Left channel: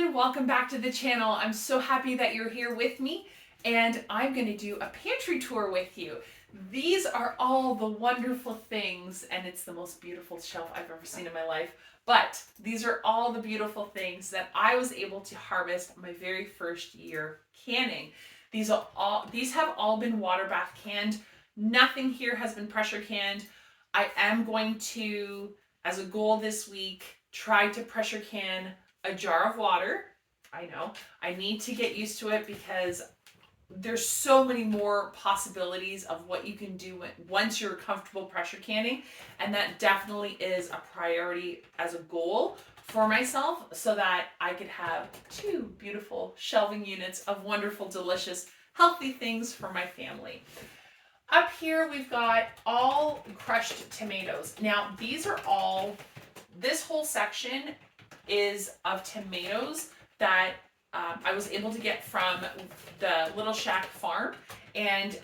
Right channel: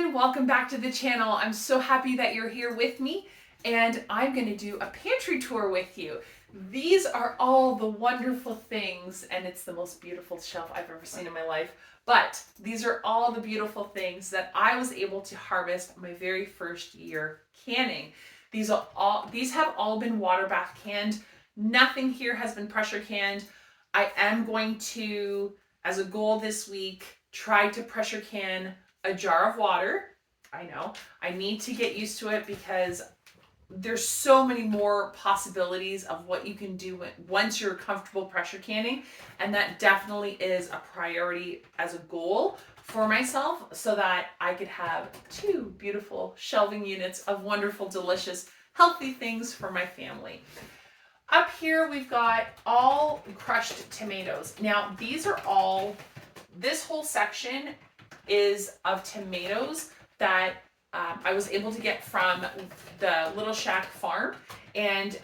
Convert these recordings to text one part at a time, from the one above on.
everyone, welcome back to the channel. I'm so happy that you're here with me, and I'm going to do a pantry tour with you. These are all the wonderful things, and it's the most beautiful shelf I've ever seen in my life. But these are all the beautiful things that I was able to harvest my very first year canning. These have all been water bath canned. Nothing here has been pressure canned. I am going to, as a goal this week, try to pressure can a jar of water. I know I need to get used to it because there's so many more possibilities of what you can do once you're comfortable pressure canning, and that definitely is a priority as a goal for myself, so that I could have two beautiful shelving units of wonderful, delicious, healthy things for my family. Up here we've got all crushed tomatoes. Now this whole section is of tomatoes that I was able to get from the Little Shack farm, and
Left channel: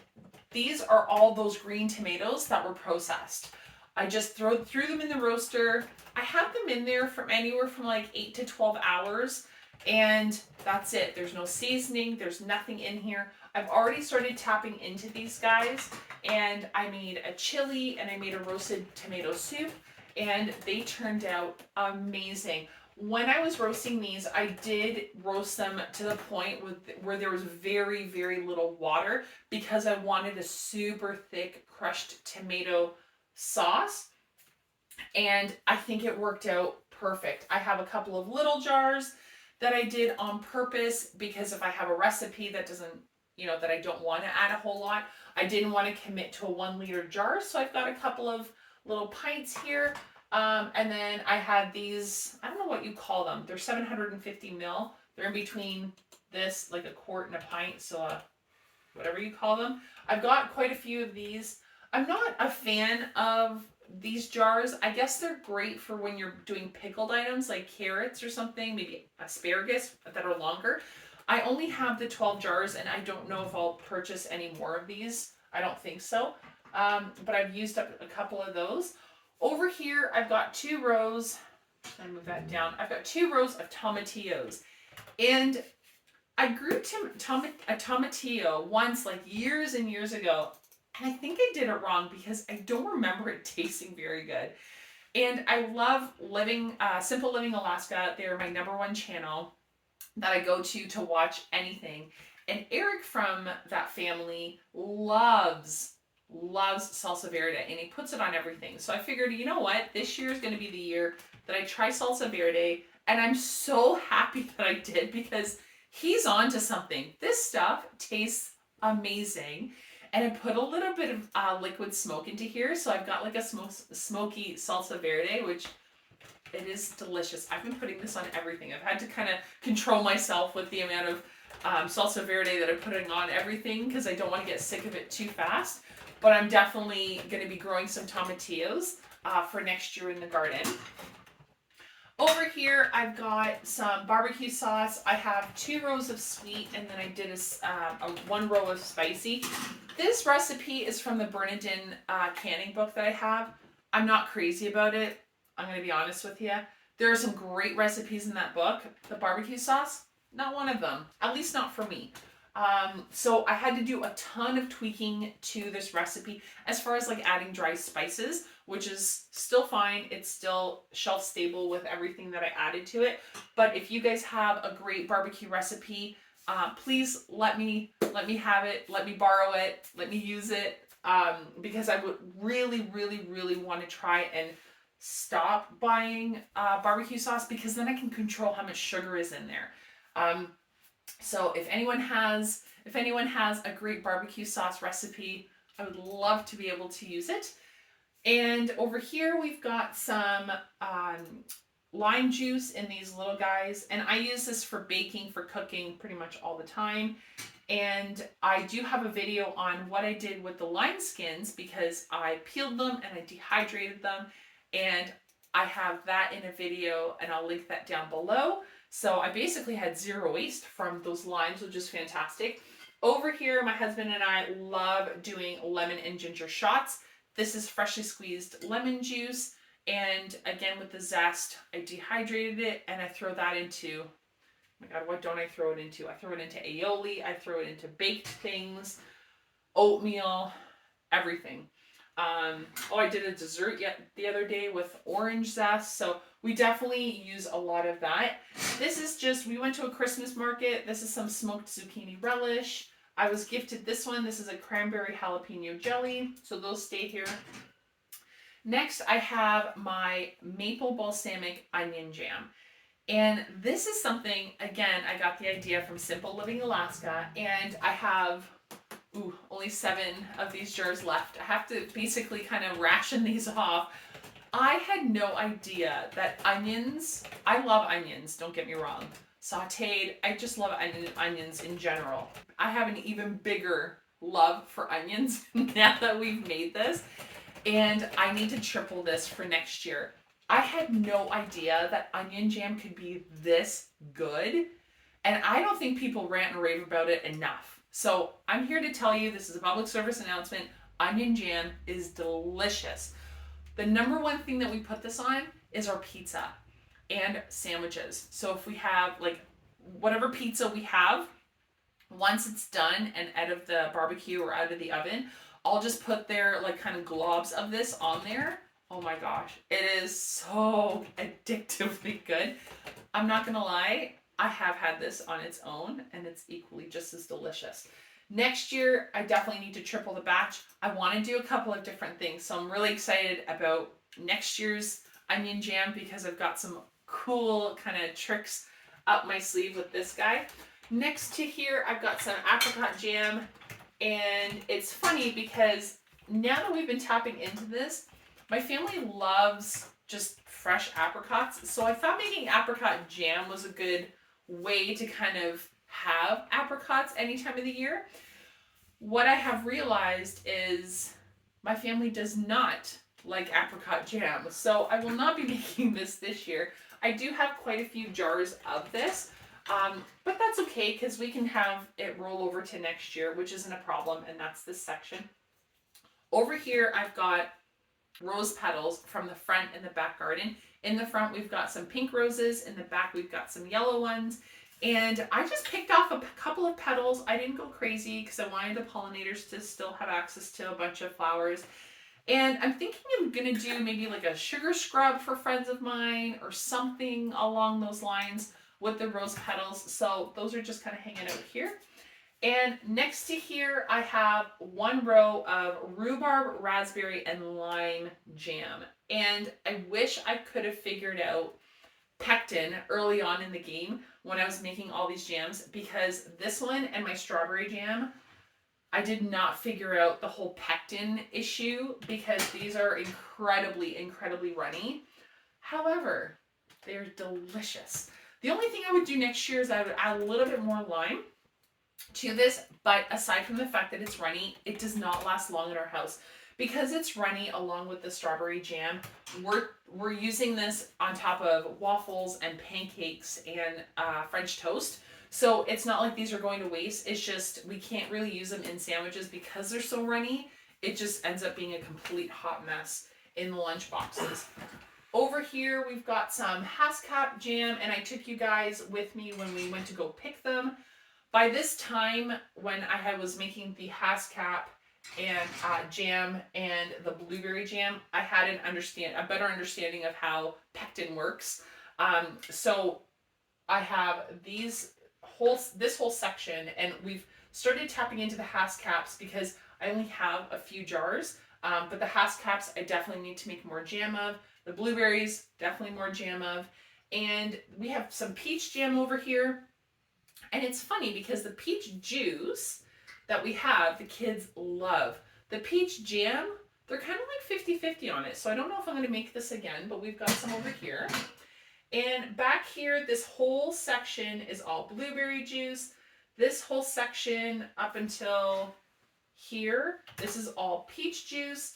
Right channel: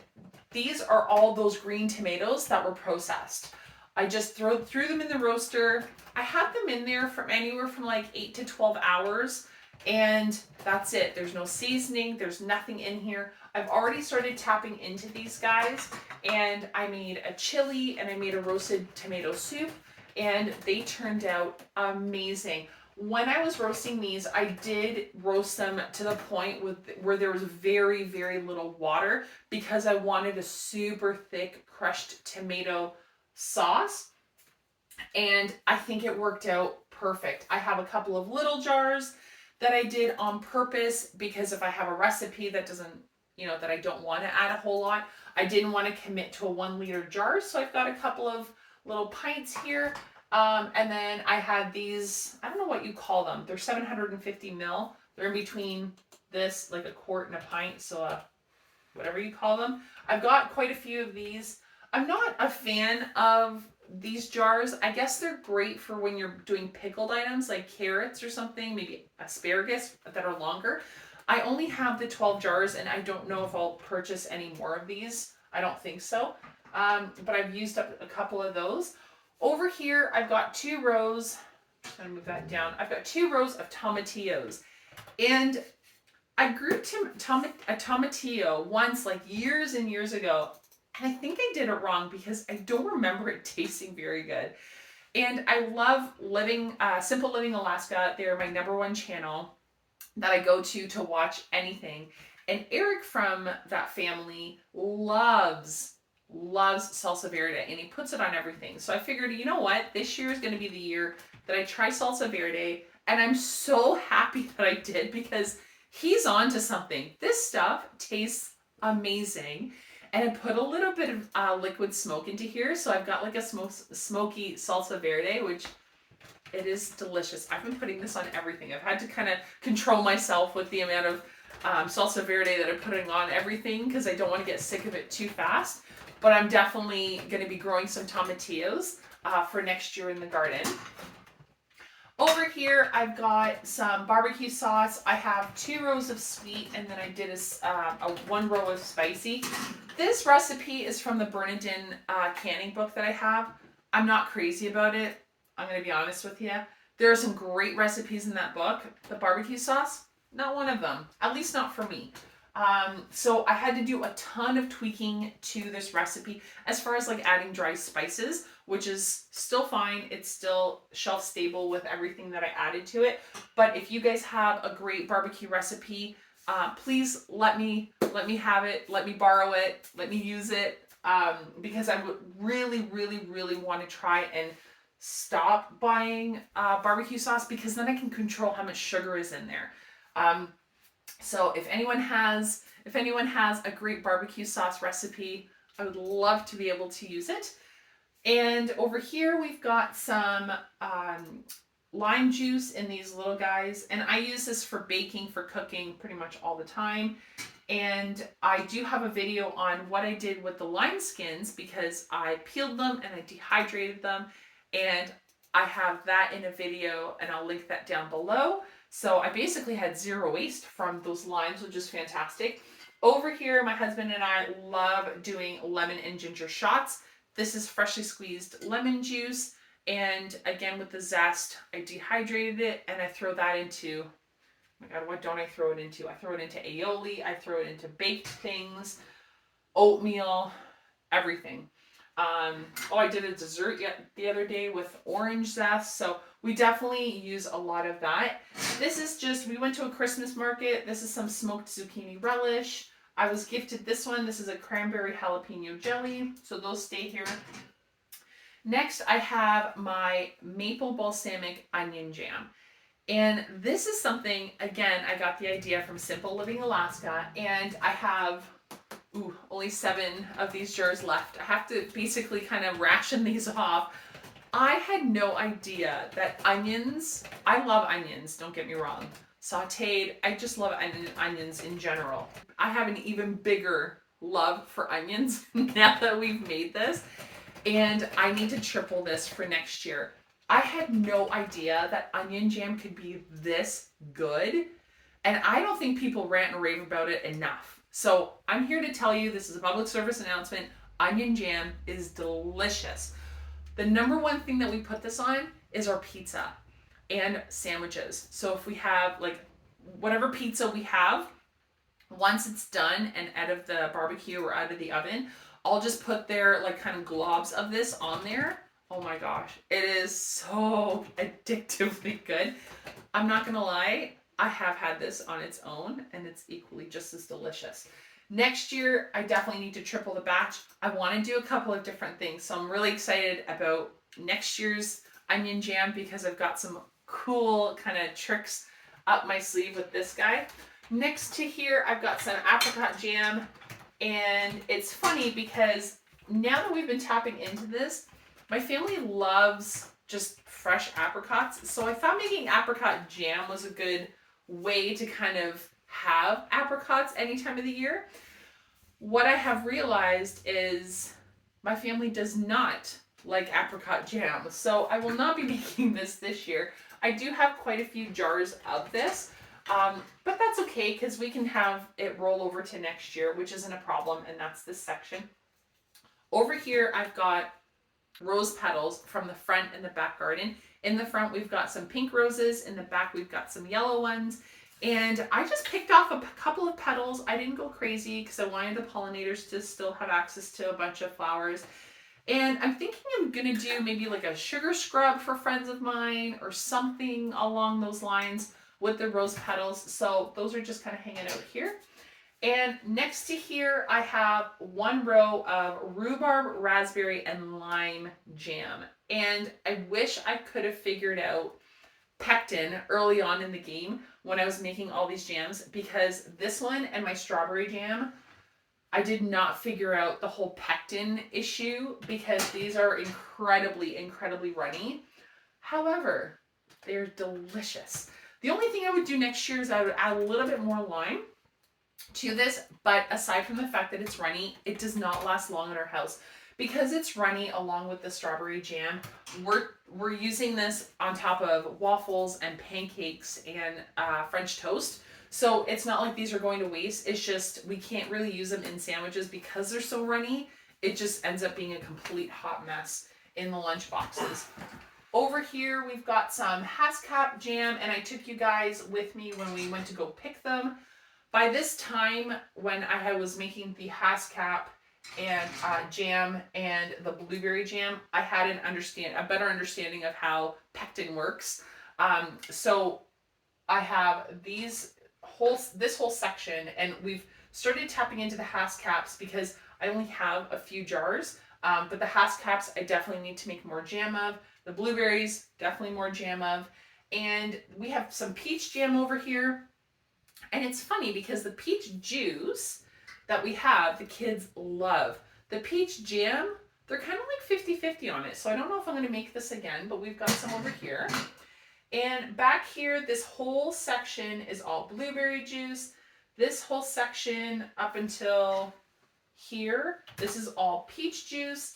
these are all those green tomatoes that were processed. I just threw them in the roaster. I had them in there from anywhere from like 8 to 12 hours, and that's it. There's no seasoning, there's nothing in here. I've already started tapping into these guys, and I made a chili and I made a roasted tomato soup, and they turned out amazing. When I was roasting these, I did roast them to the point where there was very, very little water, because I wanted a super thick crushed tomato sauce, and I think it worked out perfect. I have a couple of little jars that I did on purpose, because if I have a recipe that doesn't, that I don't want to add a whole lot, I didn't want to commit to a 1 liter jar, so I've got a couple of little pints here. And then I had these, I don't know what you call them. They're 750 ml. They're in between this, like a quart and a pint. So whatever you call them. I've got quite a few of these. I'm not a fan of these jars. I guess they're great for when you're doing pickled items like carrots or something, maybe asparagus that are longer. I only have the 12 jars, and I don't know if I'll purchase any more of these. I don't think so. But I've used up a couple of those. Over here, I've got 2 rows. I'm going to move that down. I've got 2 rows of tomatillos. And I grew a tomatillo once, like years and years ago. And I think I did it wrong because I don't remember it tasting very good. And I love Simple Living Alaska. They're my #1 channel that I go to watch anything. And Eric from that family loves salsa verde, and he puts it on everything. So I figured, you know what? This year is going to be the year that I try salsa verde, and I'm so happy that I did, because he's on to something. This stuff tastes amazing. And I put a little bit of liquid smoke into here, so I've got like a smoky salsa verde, which it is delicious. I've been putting this on everything. I've had to kind of control myself with the amount of salsa verde that I'm putting on everything, because I don't want to get sick of it too fast. But I'm definitely going to be growing some tomatillos for next year in the garden. Over here, I've got some barbecue sauce. I have 2 rows of sweet, and then I did a 1 row of spicy. This recipe is from the Bernardin canning book that I have. I'm not crazy about it. I'm going to be honest with you. There are some great recipes in that book. The barbecue sauce, not one of them. At least not for me. So I had to do a ton of tweaking to this recipe as far as like adding dry spices, which is still fine. It's still shelf stable with everything that I added to it. But if you guys have a great barbecue recipe, please let me have it, let me borrow it, let me use it, because I would really, really, really want to try and stop buying barbecue sauce, because then I can control how much sugar is in there. So if anyone has a great barbecue sauce recipe, I would love to be able to use it. And over here we've got some lime juice in these little guys, and I use this for baking, for cooking pretty much all the time. And I do have a video on what I did with the lime skins, because I peeled them and I dehydrated them, and I have that in a video, and I'll link that down below. So I basically had 0 waste from those limes, which is fantastic. Over here, my husband and I love doing lemon and ginger shots. This is freshly squeezed lemon juice, and again with the zest, I dehydrated it and I throw that into my God, what don't I throw it into? I throw it into aioli. I throw it into baked things, oatmeal, everything. Oh, I did a dessert the other day with orange zest. So we definitely use a lot of that. This is just, we went to a Christmas market. This is some smoked zucchini relish. I was gifted this one. This is a cranberry jalapeno jelly. So those stay here. Next, I have my maple balsamic onion jam. And this is something, again, I got the idea from Simple Living Alaska. And I have only 7 of these jars left. I have to basically kind of ration these off. I had no idea that onions, I love onions, don't get me wrong. Sauteed, I just love onions in general. I have an even bigger love for onions now that we've made this. And I need to triple this for next year. I had no idea that onion jam could be this good. And I don't think people rant and rave about it enough. So I'm here to tell you, this is a public service announcement, onion jam is delicious. The number one thing that we put this on is our pizza and sandwiches. So if we have like whatever pizza we have, once it's done and out of the barbecue or out of the oven, I'll just put their like kind of globs of this on there. Oh my gosh, it is so addictively good. I'm not gonna lie, I have had this on its own and it's equally just as delicious. Next year, I definitely need to triple the batch. I want to do a couple of different things. So I'm really excited about next year's onion jam because I've got some cool kind of tricks up my sleeve with this guy. Next to here, I've got some apricot jam. And it's funny because now that we've been tapping into this, my family loves just fresh apricots. So I thought making apricot jam was a good way to kind of have apricots any time of the year. What I have realized is my family does not like apricot jam. So I will not be making this year. I do have quite a few jars of this. But that's okay because we can have it roll over to next year, which isn't a problem, and that's this section. Over here, I've got rose petals from the front and the back garden. In the front, we've got some pink roses. In the back, we've got some yellow ones. And I just picked off a couple of petals. I didn't go crazy because I wanted the pollinators to still have access to a bunch of flowers. And I'm thinking I'm going to do maybe like a sugar scrub for friends of mine or something along those lines with the rose petals. So those are just kind of hanging out here. And next to here, I have one row of rhubarb, raspberry, and lime jam. And I wish I could have figured out pectin early on in the game when I was making all these jams, because this one and my strawberry jam, I did not figure out the whole pectin issue because these are incredibly, incredibly runny. However, they're delicious. The only thing I would do next year is I would add a little bit more lime to this, but aside from the fact that it's runny, it does not last long in our house. Because it's runny along with the strawberry jam, we're using this on top of waffles and pancakes and French toast. So it's not like these are going to waste. It's just we can't really use them in sandwiches because they're so runny. It just ends up being a complete hot mess in the lunch boxes. Over here, we've got some Haskap jam, and I took you guys with me when we went to go pick them. By this time, when I was making the Haskap and jam and the blueberry jam, I had a better understanding of how pectin works. So I have this whole section, and we've started tapping into the Haskaps because I only have a few jars. But the Haskaps I definitely need to make more jam of. The blueberries, definitely more jam of. And we have some peach jam over here. And it's funny because the peach juice that we have, the kids love. The peach jam, they're kind of like 50-50 on it. So I don't know if I'm going to make this again, but we've got some over here. And back here, this whole section is all blueberry juice. This whole section up until here, this is all peach juice.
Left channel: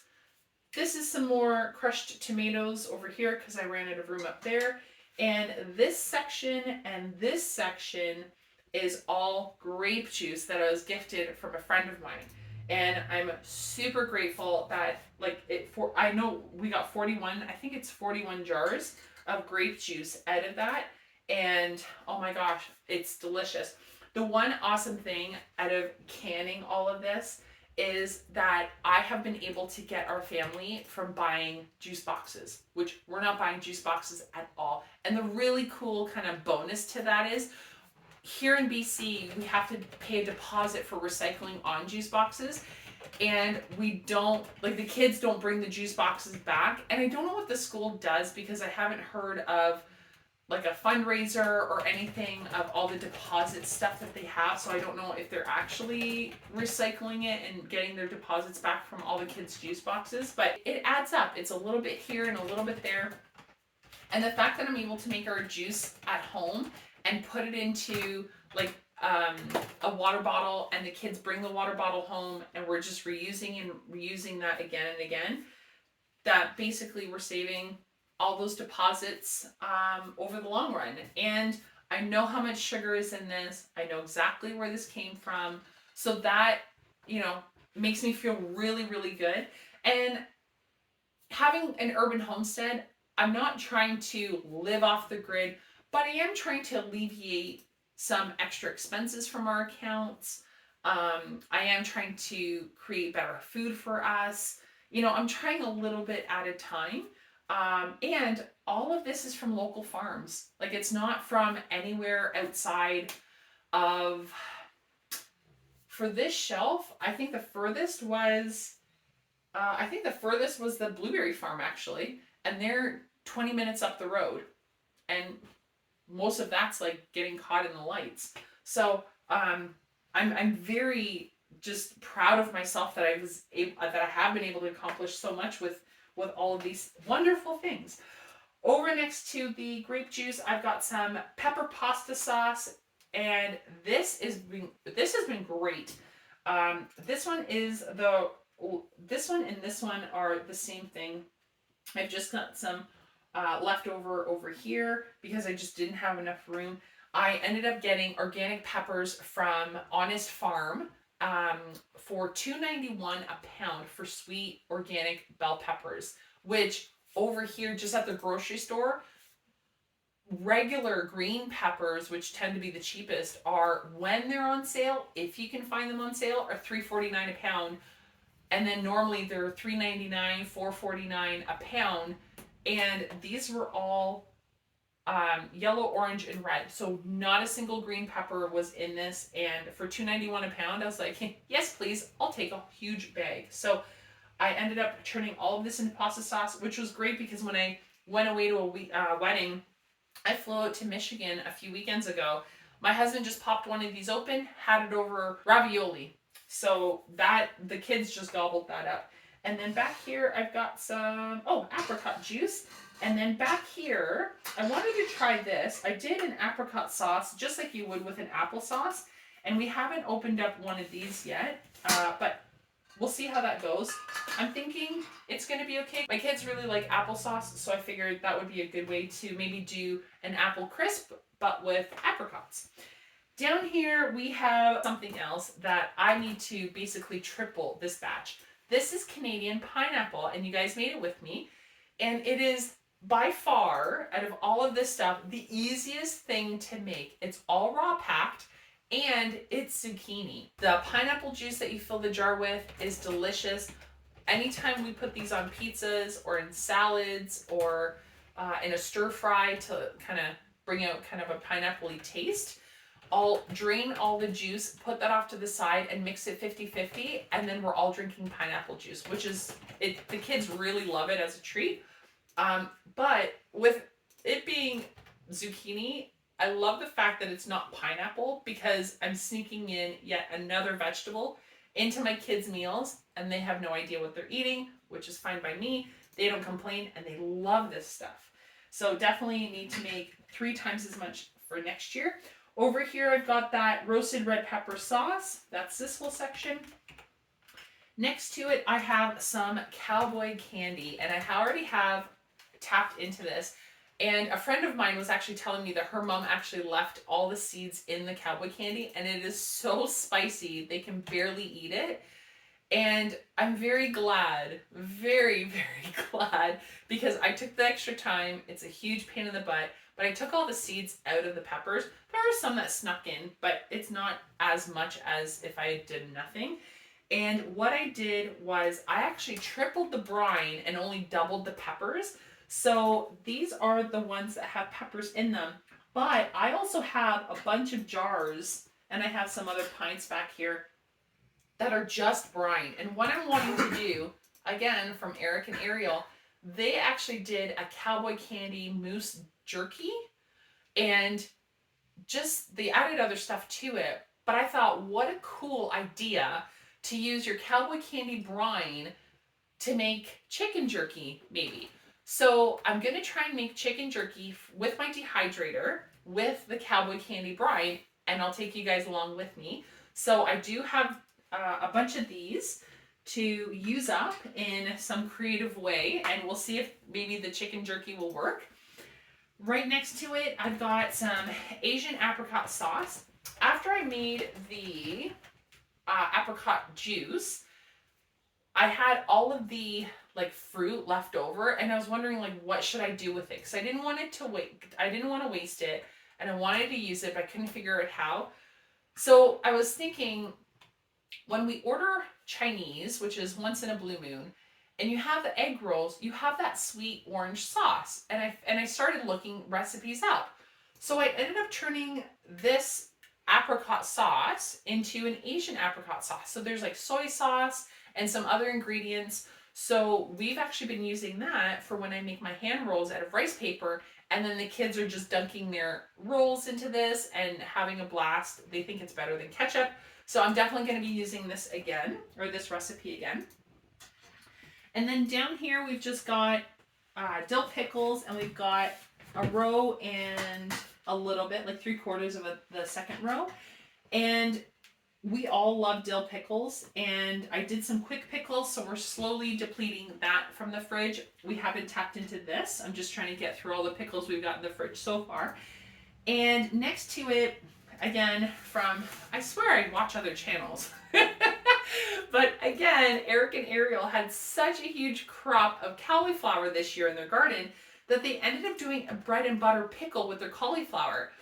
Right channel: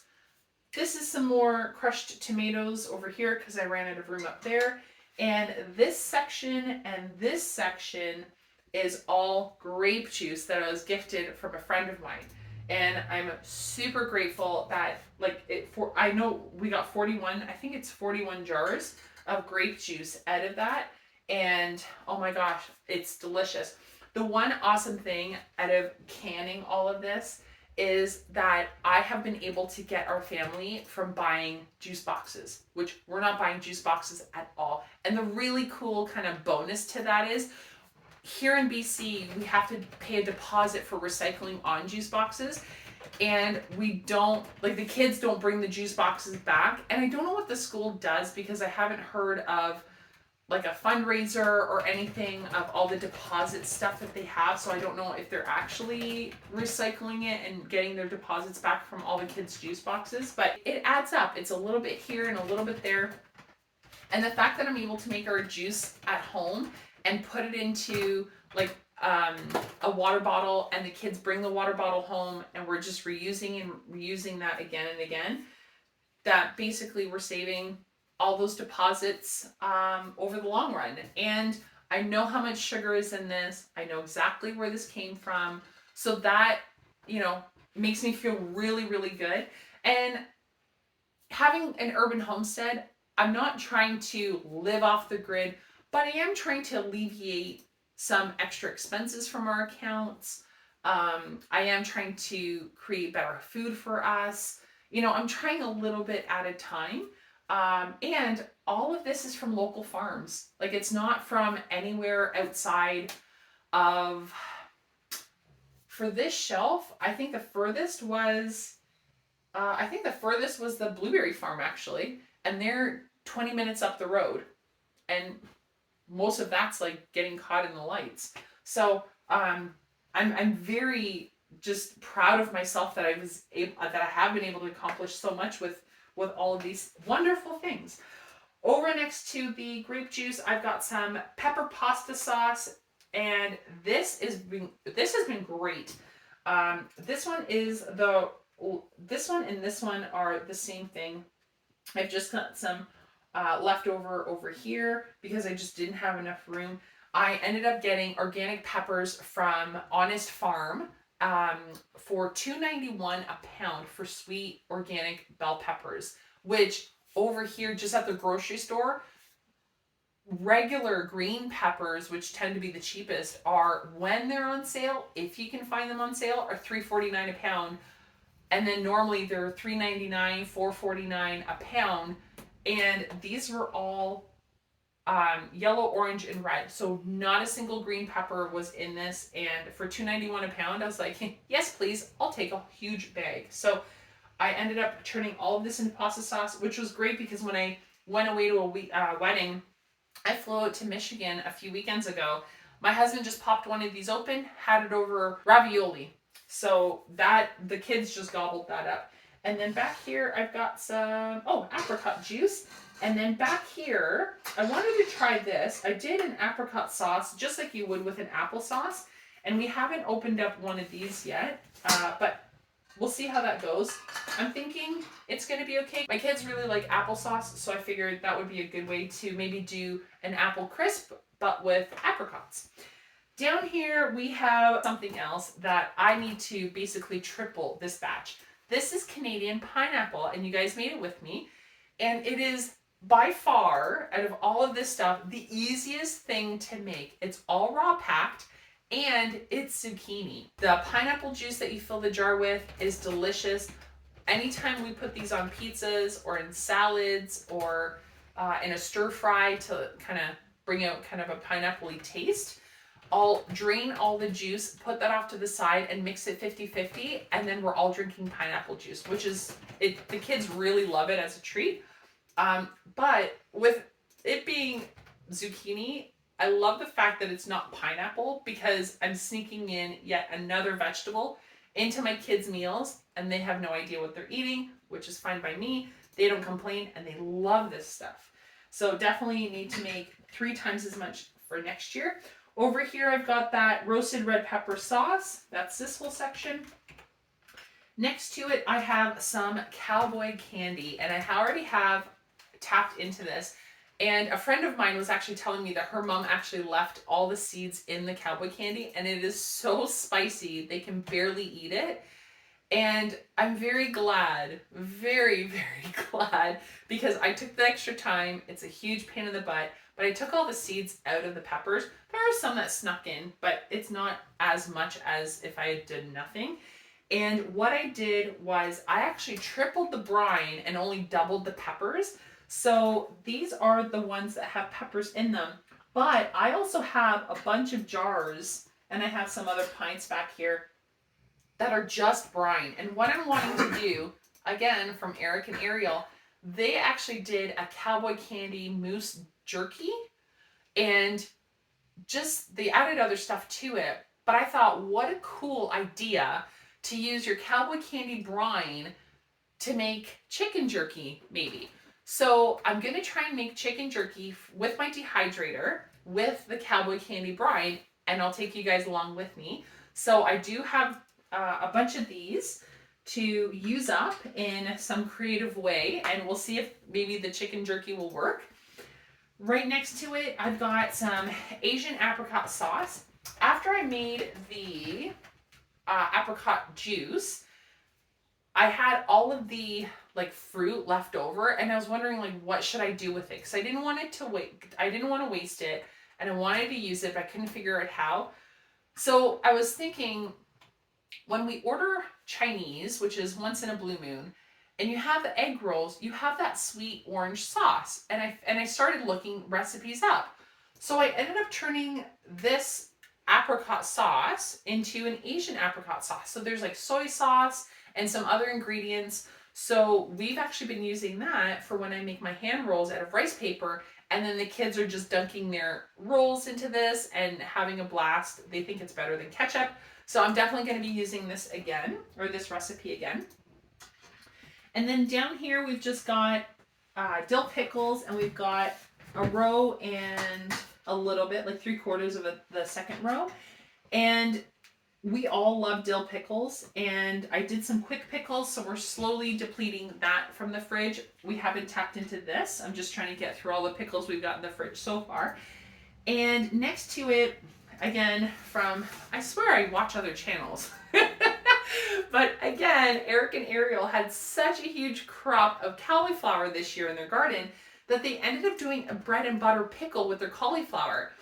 This is some more crushed tomatoes over here because I ran out of room up there. And this section and this section is all grape juice that I was gifted from a friend of mine. And I'm super grateful that I know we got 41, I think it's 41 jars of grape juice out of that. And oh my gosh, it's delicious. The one awesome thing out of canning all of this is that I have been able to get our family from buying juice boxes, which we're not buying juice boxes at all. And the really cool kind of bonus to that is here in BC, we have to pay a deposit for recycling on juice boxes. And we don't, like, the kids don't bring the juice boxes back. And I don't know what the school does because I haven't heard of like a fundraiser or anything of all the deposit stuff that they have. So I don't know if they're actually recycling it and getting their deposits back from all the kids' juice boxes. But it adds up. It's a little bit here and a little bit there. And the fact that I'm able to make our juice at home and put it into like a water bottle, and the kids bring the water bottle home and we're just reusing and reusing that again and again, that basically we're saving all those deposits over the long run. And I know how much sugar is in this. I know exactly where this came from. So that, you know, makes me feel really, really good. And having an urban homestead, I'm not trying to live off the grid, but I am trying to alleviate some extra expenses from our accounts. I am trying to create better food for us. You know, I'm trying a little bit at a time. And all of this is from local farms. Like, it's not from anywhere outside of, for this shelf, I think the furthest was the blueberry farm actually. And they're 20 minutes up the road. And most of that's like getting caught in the lights. So, I'm very just proud of myself that that I have been able to accomplish so much with all of these wonderful things. Over next to the grape juice, I've got some pepper pasta sauce, and this has been great. This one and this one are the same thing. I've just got some leftover over here because I just didn't have enough room. I ended up getting organic peppers from Honest Farm for $2.91 a pound for sweet organic bell peppers, which over here just at the grocery store, regular green peppers, which tend to be the cheapest, are, when they're on sale, if you can find them on sale, are $3.49 a pound. And then normally they're $3.99, $4.49 a pound. And these were all yellow, orange, and red. So not a single green pepper was in this. And for $2.91 a pound, I was like, yes, please, I'll take a huge bag. So I ended up turning all of this into pasta sauce, which was great because when I went away to a wedding, I flew out to Michigan a few weekends ago. My husband just popped one of these open, had it over ravioli. So that, the kids just gobbled that up. And then back here, I've got some, apricot juice. And then back here, I wanted to try this. I did an apricot sauce, just like you would with an applesauce. And we haven't opened up one of these yet, but we'll see how that goes. I'm thinking it's going to be okay. My kids really like applesauce, so I figured that would be a good way to maybe do an apple crisp, but with apricots. Down here, we have something else that I need to basically triple this batch. This is Canadian pineapple, and you guys made it with me. And it is by far, out of all of this stuff, the easiest thing to make. It's all raw packed, and it's zucchini. The pineapple juice that you fill the jar with is delicious. Anytime we put these on pizzas or in salads or in a stir fry to kind of bring out kind of a pineapple-y taste, I'll drain all the juice, put that off to the side, and mix it 50-50, and then we're all drinking pineapple juice, which is, the kids really love it as a treat. But with it being zucchini, I love the fact that it's not pineapple because I'm sneaking in yet another vegetable into my kids' meals, and they have no idea what they're eating, which is fine by me. They don't complain, and they love this stuff. So definitely need to make 3 times as much for next year. Over here, I've got that roasted red pepper sauce. That's this whole section. Next to it, I have some cowboy candy, and I already have tapped into this. And a friend of mine was actually telling me that her mom actually left all the seeds in the cowboy candy, and it is so spicy, they can barely eat it. And I'm very glad, very, very glad, because I took the extra time. It's a huge pain in the butt, but I took all the seeds out of the peppers. There are some that snuck in, but it's not as much as if I did nothing. And what I did was I actually tripled the brine and only doubled the peppers. So these are the ones that have peppers in them. But I also have a bunch of jars, and I have some other pints back here that are just brine. And what I'm wanting to do, again, from Eric and Ariel, they actually did a cowboy candy mousse jerky, and just they added other stuff to it. But I thought, what a cool idea to use your cowboy candy brine to make chicken jerky, maybe. So I'm going to try and make chicken jerky with my dehydrator with the cowboy candy brine, and I'll take you guys along with me. So I do have a bunch of these to use up in some creative way, and we'll see if maybe the chicken jerky will work. Right next to it, I've got some Asian apricot sauce. After I made the apricot juice, I had all of the like fruit left over, and I was wondering like what should I do with it, because I didn't want it to wait. I didn't want to waste it, and I wanted to use it, but I couldn't figure out how. So I was thinking, when we order Chinese, which is once in a blue moon, and you have the egg rolls, you have that sweet orange sauce, and I started looking recipes up. So I ended up turning this apricot sauce into an Asian apricot sauce. So there's like soy sauce and some other ingredients. So we've actually been using that for when I make my hand rolls out of rice paper, and then the kids are just dunking their rolls into this and having a blast. They think it's better than ketchup. So I'm definitely going to be using this again, or this recipe again. And then down here we've just got dill pickles, and we've got a row and a little bit, like 3/4 of the second row. And we all love dill pickles, and I did some quick pickles, so we're slowly depleting that from the fridge. We haven't tapped into this. I'm just trying to get through all the pickles we've got in the fridge so far. And next to it, again, from, I swear I watch other channels. But again, Eric and Ariel had such a huge crop of cauliflower this year in their garden that they ended up doing a bread and butter pickle with their cauliflower.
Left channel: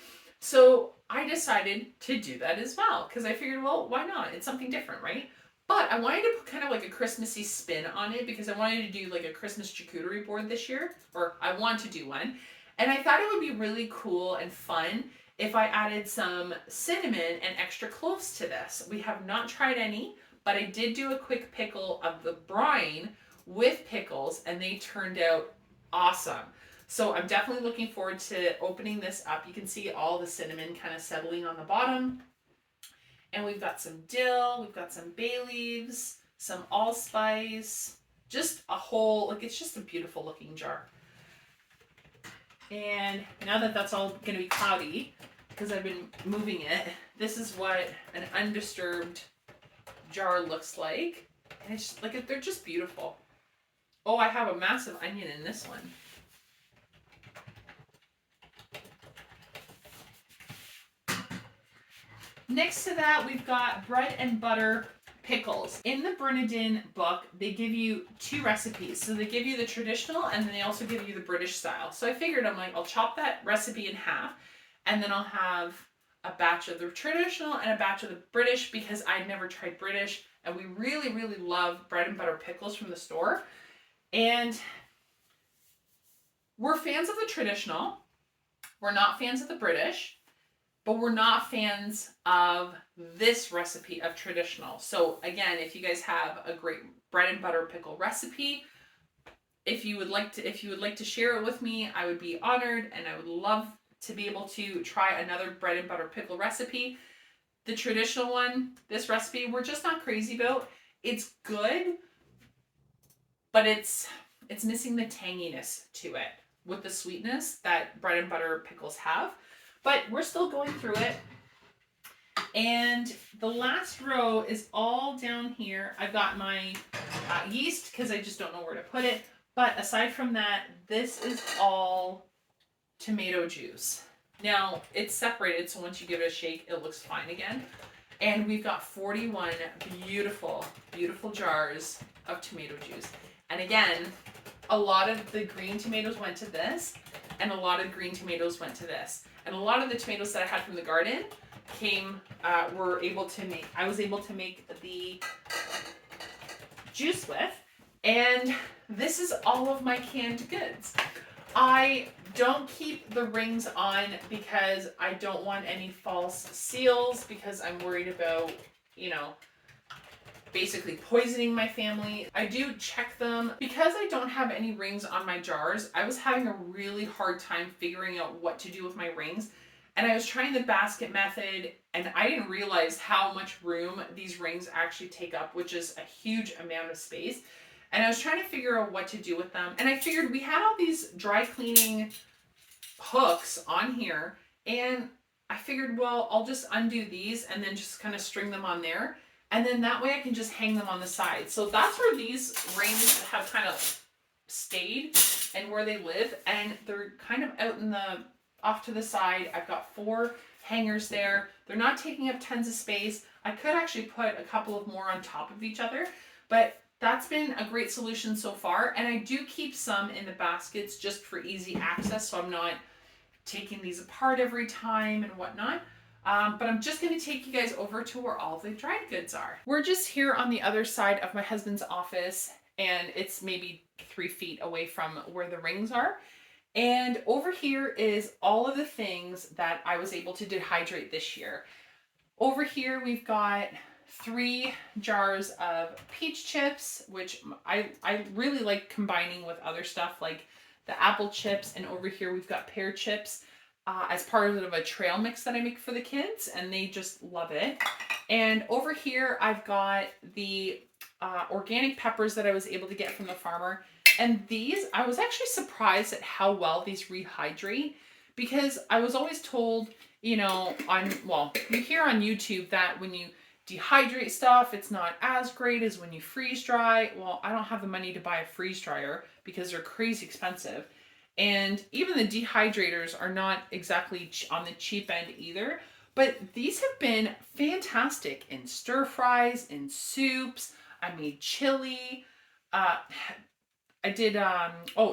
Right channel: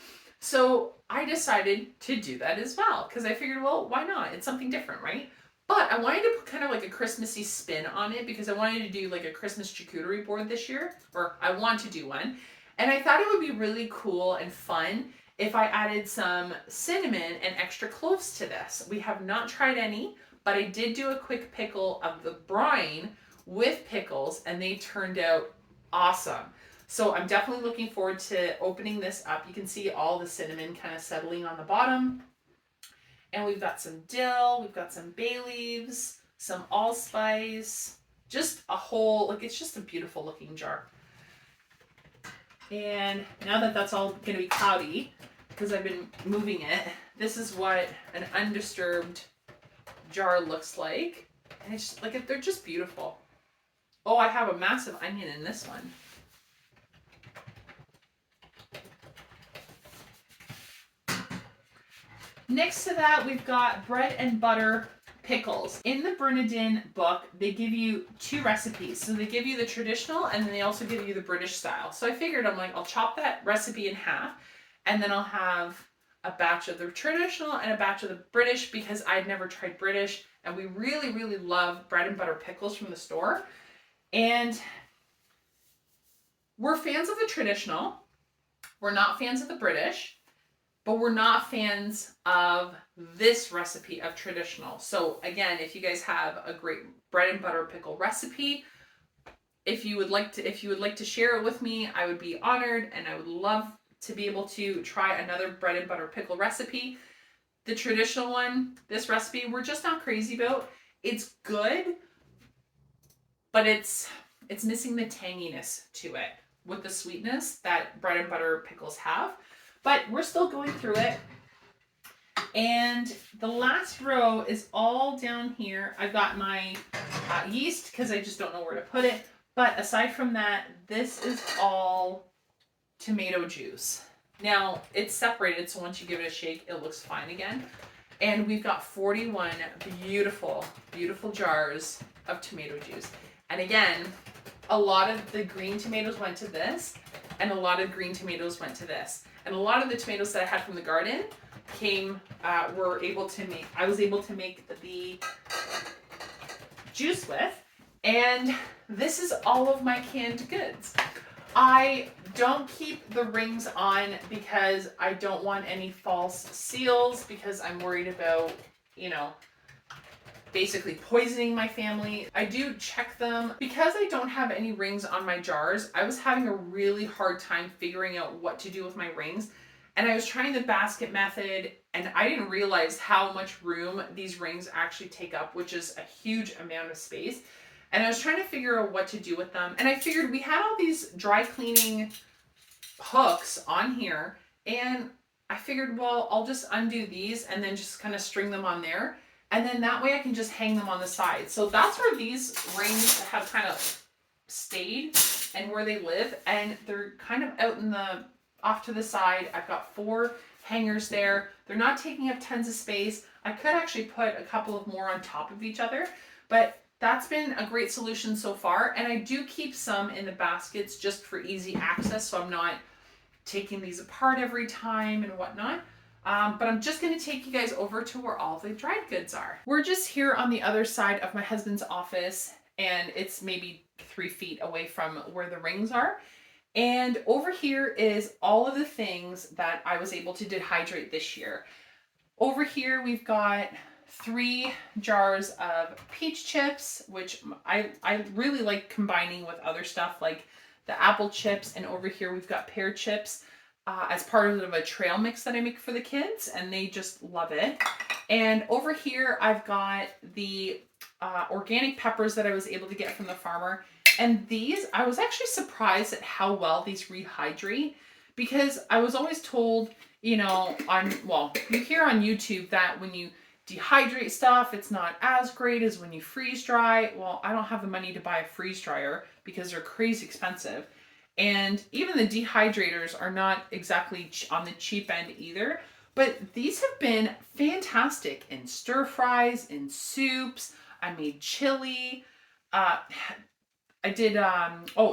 So I decided to do that as well, because I figured, well, why not? It's something different, right? But I wanted to put kind of like a Christmassy spin on it, because I wanted to do like a Christmas charcuterie board this year, or I want to do one. And I thought it would be really cool and fun if I added some cinnamon and extra cloves to this. We have not tried any, but I did do a quick pickle of the brine with pickles, and they turned out awesome. So I'm definitely looking forward to opening this up. You can see all the cinnamon kind of settling on the bottom. And we've got some dill, we've got some bay leaves, some allspice, just a whole, like, it's just a beautiful looking jar. And now that that's all going to be cloudy, because I've been moving it, this is what an undisturbed jar looks like. And it's just, like, they're just beautiful. Oh, I have a massive onion in this one. Next to that, we've got bread and butter pickles. In the Bernardin book, they give you 2 recipes. So they give you the traditional, and then they also give you the British style. So I figured, I'm like, I'll chop that recipe in half, and then I'll have a batch of the traditional and a batch of the British, because I'd never tried British, and we really, really love bread and butter pickles from the store. And we're fans of the traditional. We're not fans of the British. But we're not fans of this recipe of traditional. So again, if you guys have a great bread and butter pickle recipe, if you would like to share it with me, I would be honored, and I would love to be able to try another bread and butter pickle recipe. The traditional one, this recipe, we're just not crazy about. It's good, but it's missing the tanginess to it with the sweetness that bread and butter pickles have. But we're still going through it. And the last row is all down here. I've got my yeast, because I just don't know where to put it. But aside from that, this is all tomato juice. Now, it's separated, so once you give it a shake, it looks fine again. And we've got 41 beautiful, beautiful jars of tomato juice. And again, a lot of the green tomatoes went to this. and a lot of green tomatoes went to this. And a lot of the tomatoes that I had from the garden I was able to make the juice with. And this is all of my canned goods. I don't keep the rings on because I don't want any false seals, because I'm worried about, you know, basically poisoning my family. I do check them. Because I don't have any rings on my jars, I was having a really hard time figuring out what to do with my rings. And I was trying the basket method, and I didn't realize how much room these rings actually take up, which is a huge amount of space. And I was trying to figure out what to do with them. And I figured we had all these dry cleaning hooks on here, and I figured, well, I'll just undo these and then just kind of string them on there. And then that way I can just hang them on the side. So that's where these rings have kind of stayed and where they live. And they're kind of out in the, off to the side. I've got 4 hangers there. They're not taking up tons of space. I could actually put a couple of more on top of each other, but that's been a great solution so far. And I do keep some in the baskets just for easy access, so I'm not taking these apart every time and whatnot. But I'm just going to take you guys over to where all the dried goods are. We're just here on the other side of my husband's office, and it's maybe 3 feet away from where the rings are. And over here is all of the things that I was able to dehydrate this year. Over here we've got 3 jars of peach chips, which I really like combining with other stuff like the apple chips. And over here we've got pear chips as part of a trail mix that I make for the kids, and they just love it. And over here I've got the organic peppers that I was able to get from the farmer. And these, I was actually surprised at how well these rehydrate, because I was always told, you know, you hear on YouTube that when you dehydrate stuff, it's not as great as when you freeze dry. Well, I don't have the money to buy a freeze dryer because they're crazy expensive. And even the dehydrators are not exactly on the cheap end either. But these have been fantastic in stir fries, in soups. I made chili. I did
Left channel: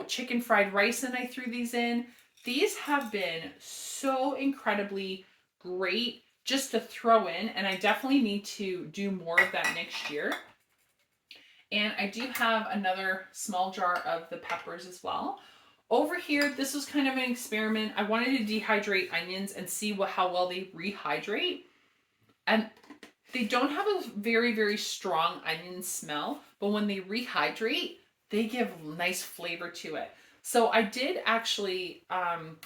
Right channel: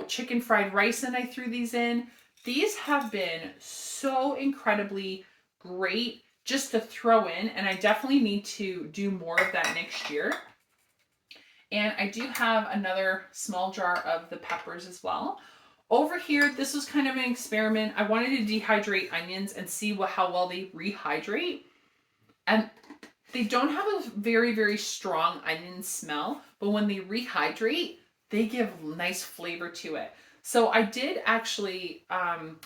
chicken fried rice, and I threw these in. These have been so incredibly great just to throw in, and I definitely need to do more of that next year. And I do have another small jar of the peppers as well. Over here, this was kind of an experiment. I wanted to dehydrate onions and see how well they rehydrate. And they don't have a very, very strong onion smell, but when they rehydrate, they give nice flavor to it. So I did actually,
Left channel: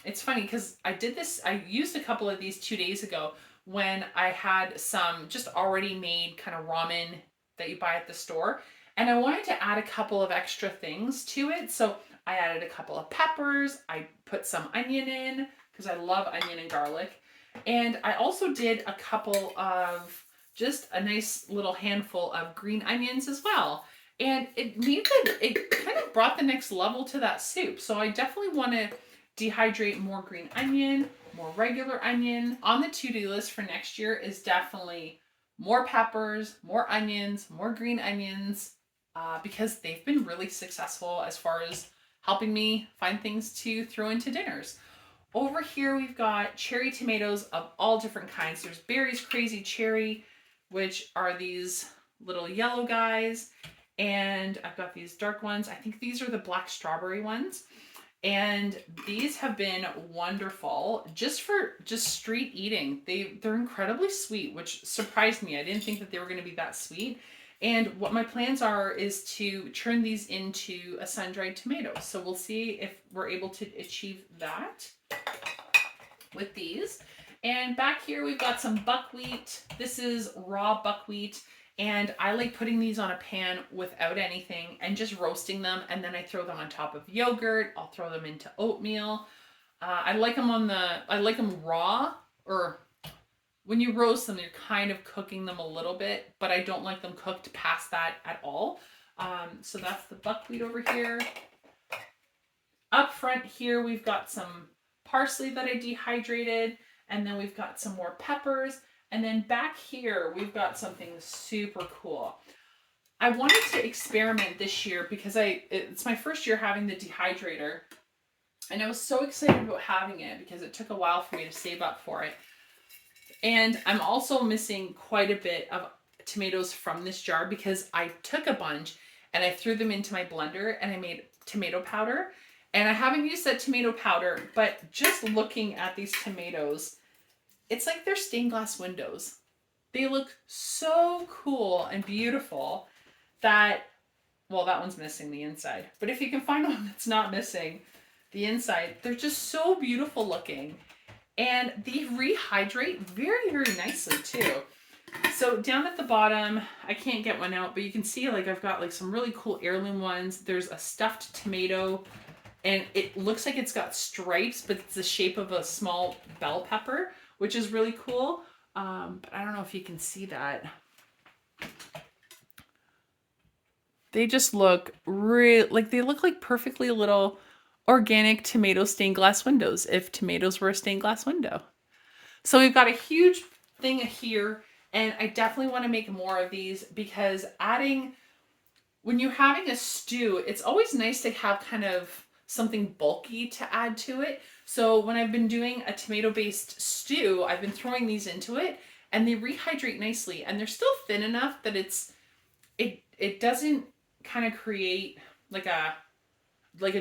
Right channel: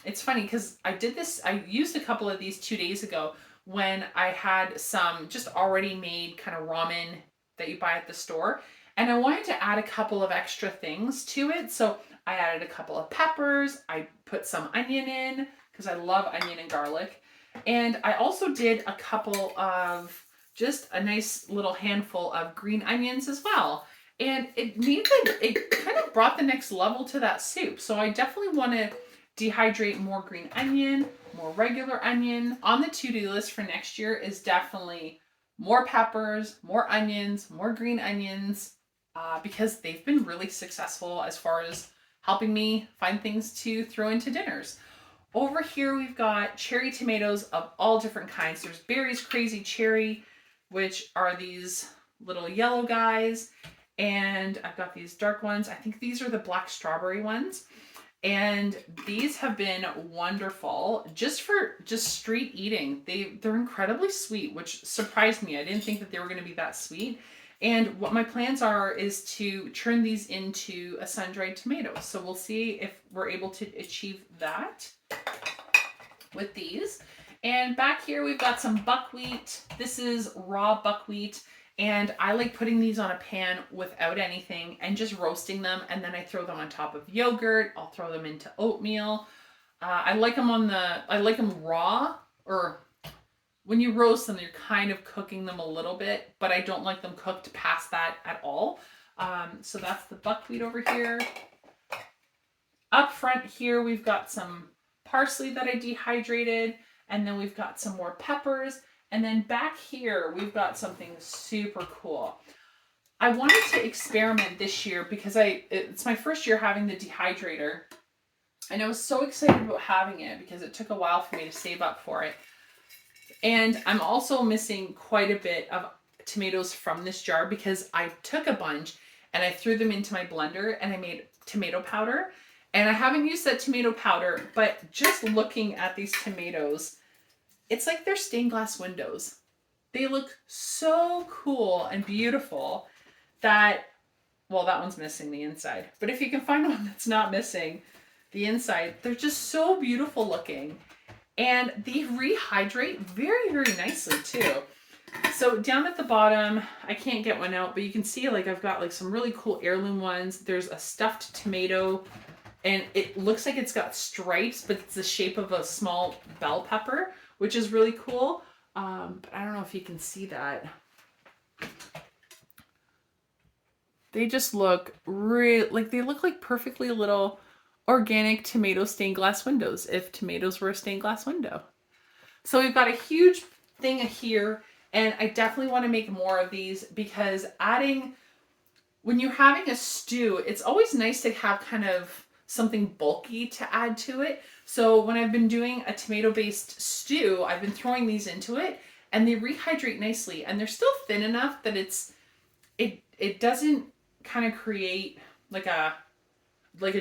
it's funny because I used a couple of these 2 days ago when I had some just already made kind of ramen that you buy at the store. And I wanted to add a couple of extra things to it. So I added a couple of peppers. I put some onion in because I love onion and garlic. And I also did a couple of, just a nice little handful of green onions as well. And it kind of brought the next level to that soup. So I definitely want to dehydrate more green onion, more regular onion. On the to-do list for next year is definitely more peppers, more onions, more green onions, because they've been really successful as far as helping me find things to throw into dinners. Over here we've got cherry tomatoes of all different kinds. There's Berry's Crazy Cherry, which are these little yellow guys. And I've got these dark ones. I think these are the black strawberry ones. And these have been wonderful just for street eating. They're incredibly sweet, which surprised me. I didn't think that they were going to be that sweet. And what my plans are is to turn these into a sun-dried tomato. So we'll see if we're able to achieve that with these. And back here we've got some buckwheat. This is raw buckwheat. And I like putting these on a pan without anything and just roasting them. And then I throw them on top of yogurt. I'll throw them into oatmeal. I like them raw, or when you roast them, you're kind of cooking them a little bit, but I don't like them cooked past that at all. So that's the buckwheat over here. Up front here, we've got some parsley that I dehydrated. And then we've got some more peppers. And then back here, we've got something super cool. I wanted to experiment this year because it's my first year having the dehydrator. And I was so excited about having it because it took a while for me to save up for it. And I'm also missing quite a bit of tomatoes from this jar because I took a bunch and I threw them into my blender and I made tomato powder. And I haven't used that tomato powder, but just looking at these tomatoes, it's like they're stained glass windows. They look so cool and beautiful that, well, that one's missing the inside. But if you can find one that's not missing the inside, they're just so beautiful looking. And they rehydrate very, very nicely too. So down at the bottom, I can't get one out, but you can see like I've got like some really cool heirloom ones. There's a stuffed tomato and it looks like it's got stripes, but it's the shape of a small bell pepper, which is really cool. But I don't know if you can see that. They just look like they look like perfectly little organic tomato stained glass windows if tomatoes were a stained glass window. So we've got a huge thing here, and I definitely want to make more of these because when you're having a stew, it's always nice to have kind of something bulky to add to it. So when I've been doing a tomato-based stew, I've been throwing these into it and they rehydrate nicely, and they're still thin enough that it doesn't kind of create like a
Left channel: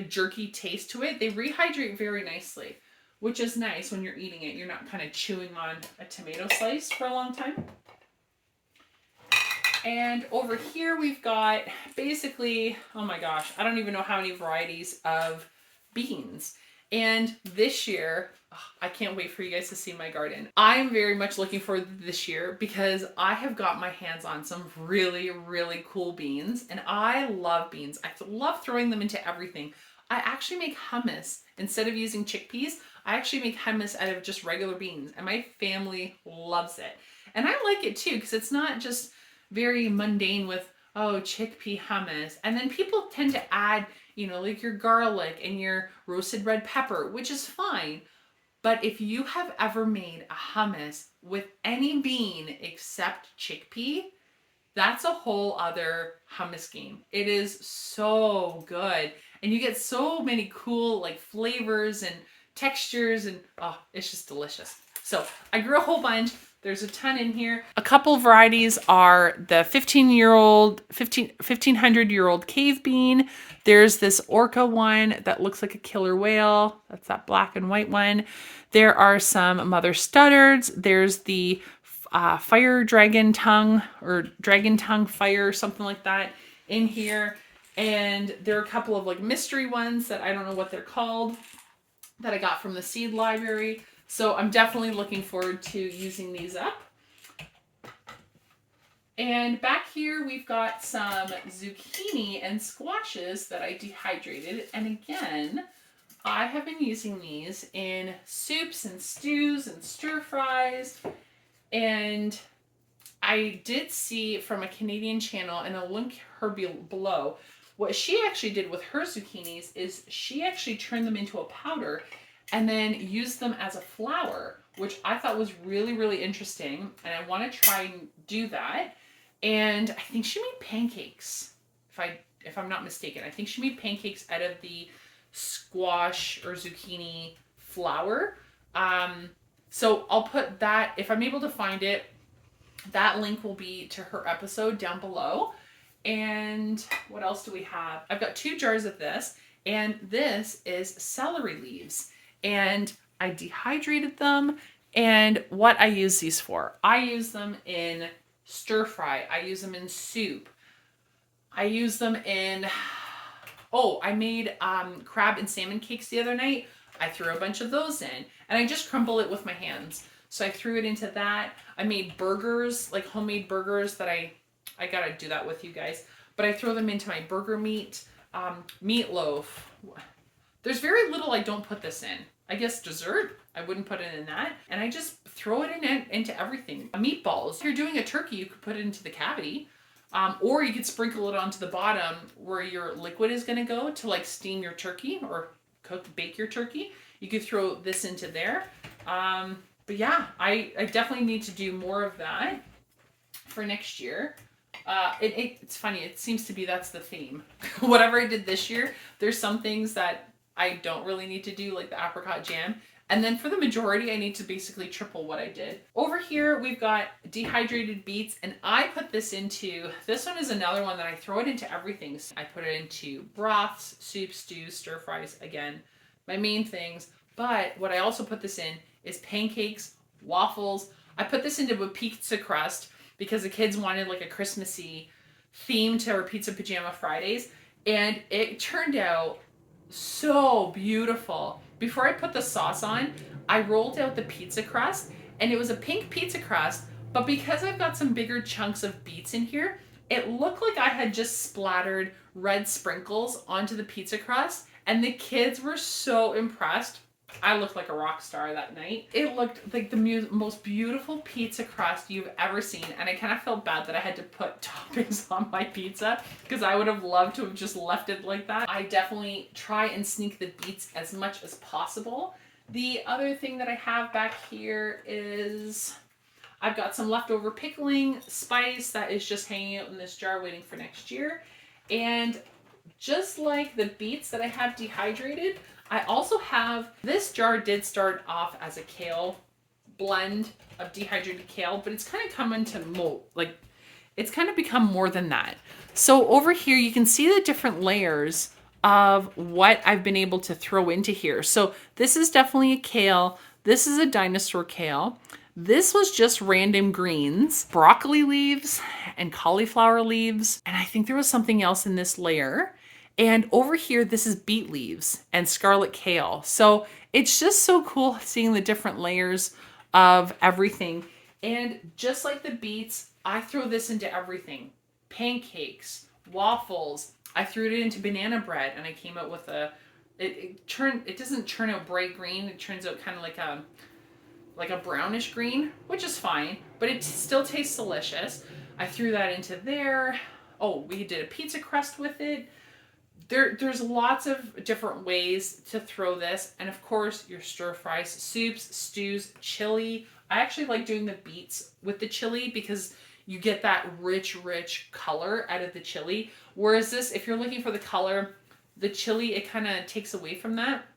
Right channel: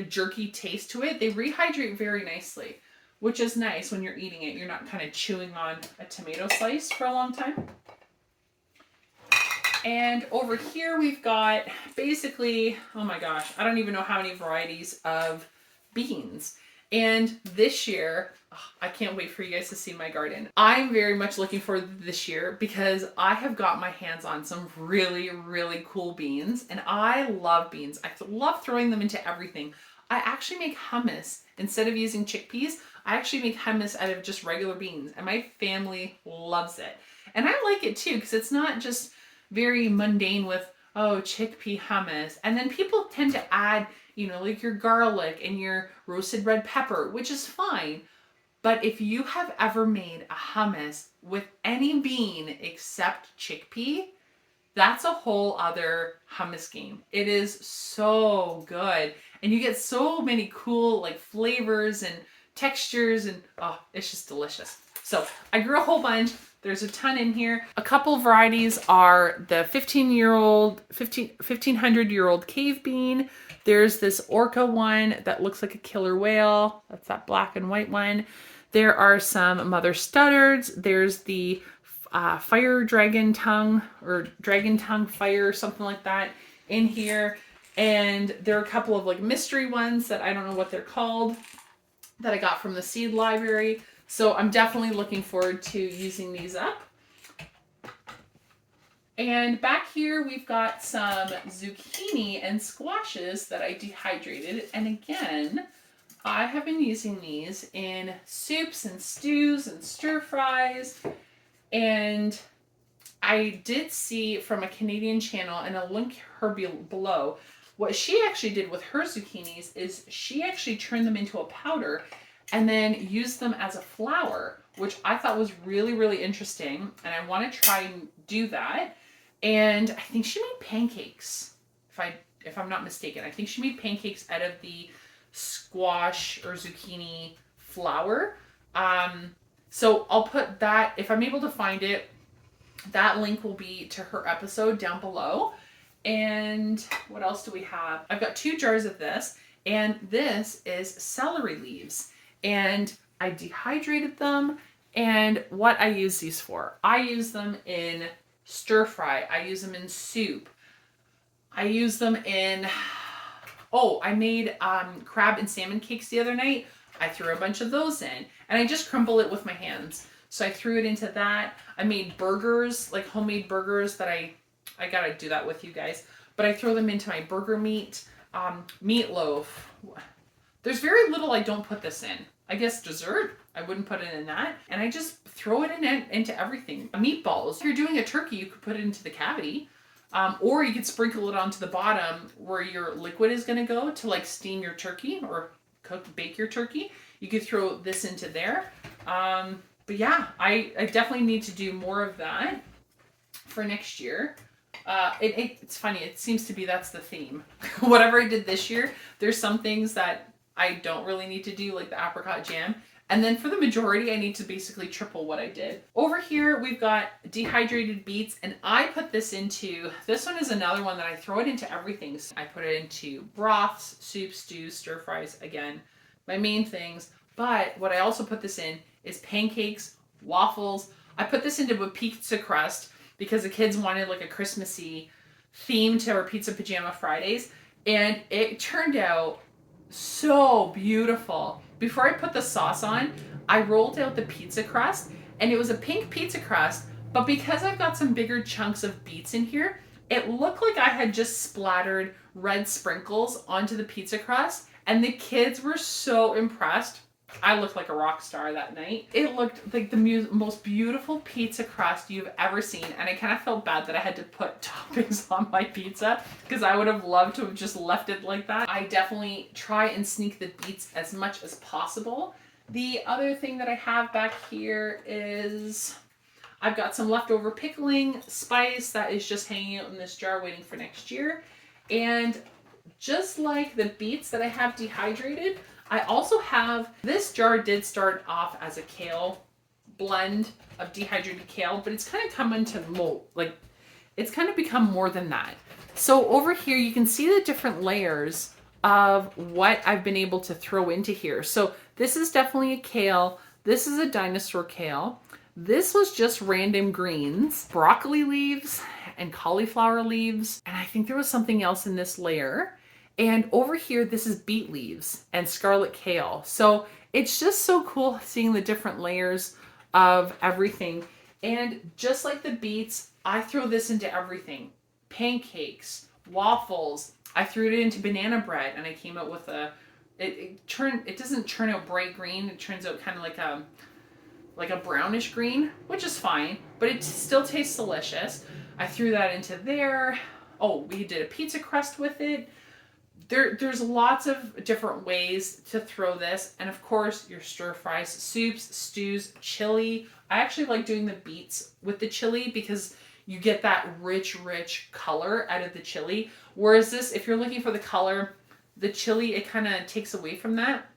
jerky taste to it. They rehydrate very nicely, which is nice when you're eating it. You're not kind of chewing on a tomato slice for a long time. And over here we've got basically, oh my gosh, I don't even know how many varieties of beans. And this year, I can't wait for you guys to see my garden. I'm very much looking forward to this year because I have got my hands on some really, really cool beans. And I love beans. I love throwing them into everything. I actually make hummus. Instead of using chickpeas, I actually make hummus out of just regular beans. And my family loves it. And I like it too because it's not just very mundane with, oh, chickpea hummus. And then people tend to add, like your garlic and your roasted red pepper, which is fine. But if you have ever made a hummus with any bean except chickpea, that's a whole other hummus game. It is so good. And you get so many cool like flavors and textures and it's just delicious. So I grew a whole bunch. There's a ton in here. A couple varieties are the 1500-year-old cave bean. There's this orca one that looks like a killer whale. That's that black and white one. There are some mother stuttards. There's the fire dragon tongue or dragon tongue fire, something like that in here. And there are a couple of like mystery ones that I don't know what they're called that I got from the seed library. So I'm definitely looking forward to using these up. And back here we've got some zucchini and squashes that I dehydrated. And again, I have been using these in soups and stews and stir fries. And I did see from a Canadian channel, and I'll link her below, what she actually did with her zucchinis is she actually turned them into a powder and then used them as a flour, which I thought was really, really interesting. And I want to try and do that. And I think she made pancakes, if I'm not mistaken. I think she made pancakes out of the squash or zucchini flour. So I'll put that, if I'm able to find it, that link will be to her episode down below. And what else do we have? I've got 2 jars of this, and this is celery leaves. And I dehydrated them. And what I use these for, I use them in stir fry. I use them in soup. I use them in, I made crab and salmon cakes the other night. I threw a bunch of those in and I just crumble it with my hands. So I threw it into that. I made burgers, like homemade burgers that I gotta do that with you guys. But I throw them into my burger meat, meatloaf. There's very little I don't put this in. I guess dessert, I wouldn't put it in that. And I just throw it into everything. Meatballs, if you're doing a turkey, you could put it into the cavity. Or you could sprinkle it onto the bottom where your liquid is gonna go to like steam your turkey or bake your turkey. You could throw this into there. But yeah, I definitely need to do more of that for next year. It's funny, it seems to be that's the theme. Whatever I did this year, there's some things that I don't really need to do like the apricot jam. And then for the majority, I need to basically triple what I did. Over here, we've got dehydrated beets, and I put this into, this one is another one that I throw it into everything. So I put it into broths, soups, stews, stir fries, again, my main things. But what I also put this in is pancakes, waffles. I put this into a pizza crust because the kids wanted like a Christmassy theme to our Pizza Pajama Fridays. And it turned out so beautiful. Before I put the sauce on, I rolled out the pizza crust, and it was a pink pizza crust, but because I've got some bigger chunks of beets in here, it looked like I had just splattered red sprinkles onto the pizza crust, and the kids were so impressed. I looked like a rock star that night. It looked like the most beautiful pizza crust you've ever seen, and I kind of felt bad that I had to put toppings on my pizza because I would have loved to have just left it like that. I definitely try and sneak the beets as much as possible. The other thing that I have back here is I've got some leftover pickling spice that is just hanging out in this jar waiting for next year. And just like the beets that I have dehydrated, I also have, this jar did start off as a kale blend of dehydrated kale, but it's kind of come into mold, like it's kind of become more than that. So over here, you can see the different layers of what I've been able to throw into here. So this is definitely a kale. This is a dinosaur kale. This was just random greens, broccoli leaves and cauliflower leaves. And I think there was something else in this layer. And over here, this is beet leaves and scarlet kale. So it's just so cool seeing the different layers of everything. And just like the beets, I throw this into everything. Pancakes, waffles. I threw it into banana bread, and I came out with it doesn't turn out bright green. It turns out kind of like a brownish green, which is fine, but it still tastes delicious. I threw that into there. Oh, we did a pizza crust with it. There's lots of different ways to throw this. And of course, your stir fries, soups, stews, chili. I actually like doing the beets with the chili because you get that rich color out of the chili. Whereas this, if you're looking for the color, the chili, it kind of takes away from that.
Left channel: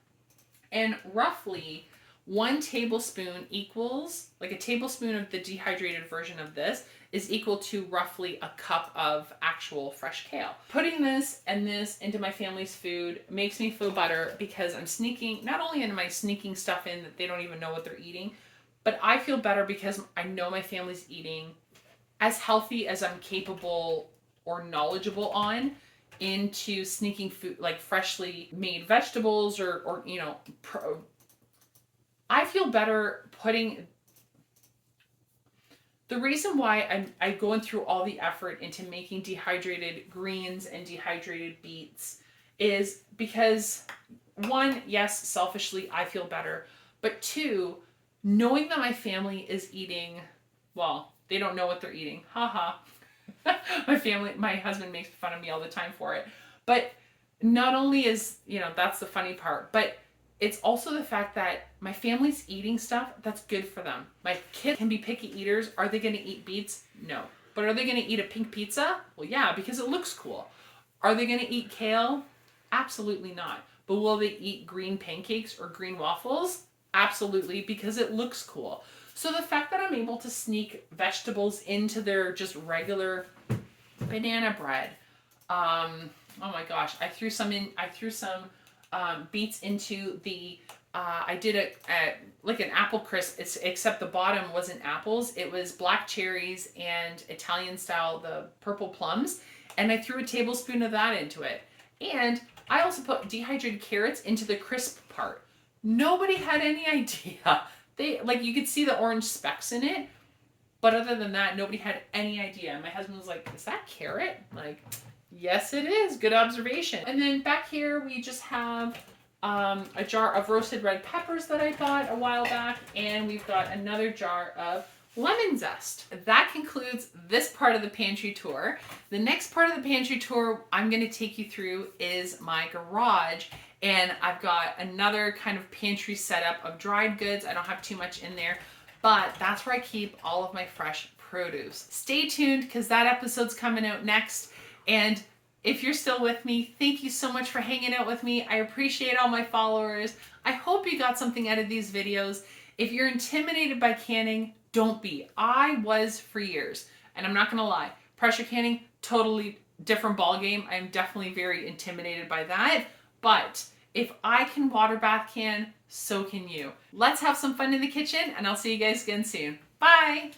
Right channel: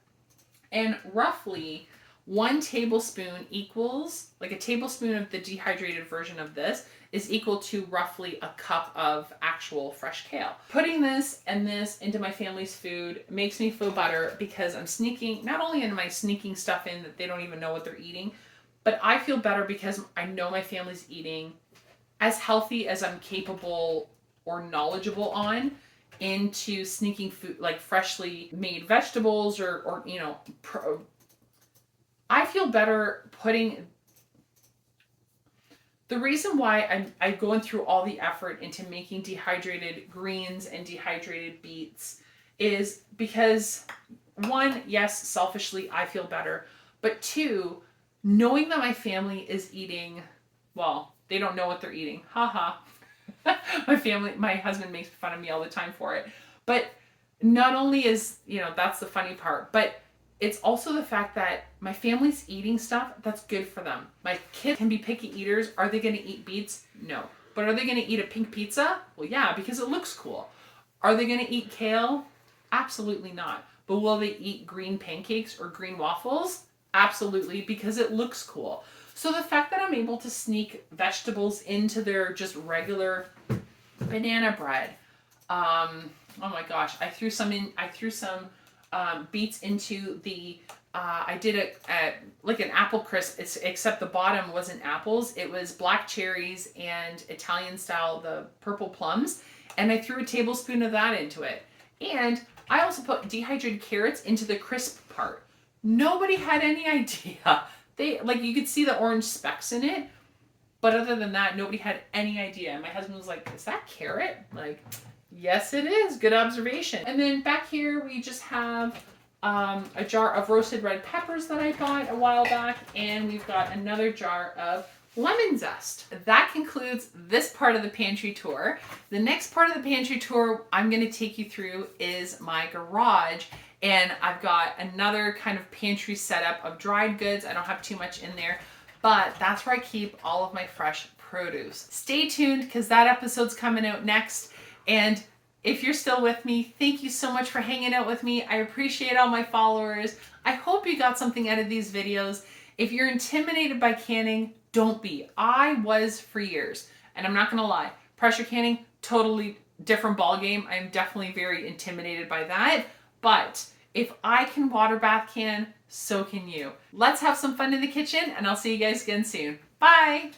And roughly 1 tablespoon equals, like a tablespoon of the dehydrated version of this is equal to roughly a cup of actual fresh kale. Putting this and this into my family's food makes me feel better because I'm sneaking, not only am I sneaking stuff in that they don't even know what they're eating, but I feel better because I know my family's eating as healthy as I'm capable or knowledgeable on into sneaking food, like freshly made vegetables or you know, I feel better putting. The reason why I'm going through all the effort into making dehydrated greens and dehydrated beets is because, one, yes, selfishly, I feel better. But two, knowing that my family is eating, well, they don't know what they're eating. Haha. My husband makes fun of me all the time for it. But not only is, you know, that's the funny part, but it's also the fact that my family's eating stuff that's good for them. My kids can be picky eaters. Are they going to eat beets? No. But are they going to eat a pink pizza? Well, yeah, because it looks cool. Are they going to eat kale? Absolutely not. But will they eat green pancakes or green waffles? Absolutely, because it looks cool. So the fact that I'm able to sneak vegetables into their just regular banana bread. Oh my gosh, I threw some beets into the, I did like an apple crisp, except the bottom wasn't apples. It was black cherries and Italian style, the purple plums. And I threw a tablespoon of that into it. And I also put dehydrated carrots into the crisp part. Nobody had any idea. Like, you could see the orange specks in it. But other than that, nobody had any idea. My husband was like, is that carrot? Like, yes, it is. Good observation. And then back here, we just have a jar of roasted red peppers that I bought a while back. And we've got another jar of lemon zest. That concludes this part of the pantry tour. The next part of the pantry tour I'm going to take you through is my garage. And I've got another kind of pantry setup of dried goods. I don't have too much in there, but that's where I keep all of my fresh produce. Stay tuned because that episode's coming out next. And If you're still with me, thank you so much for hanging out with me. I appreciate all my followers. I hope you got something out of these videos. If you're intimidated by canning, don't be. I was for years, and I'm not gonna lie. Pressure canning, totally different ball game. I'm definitely very intimidated by that, but if I can water bath can, so can you. Let's have some fun in the kitchen, and I'll see you guys again soon. Bye!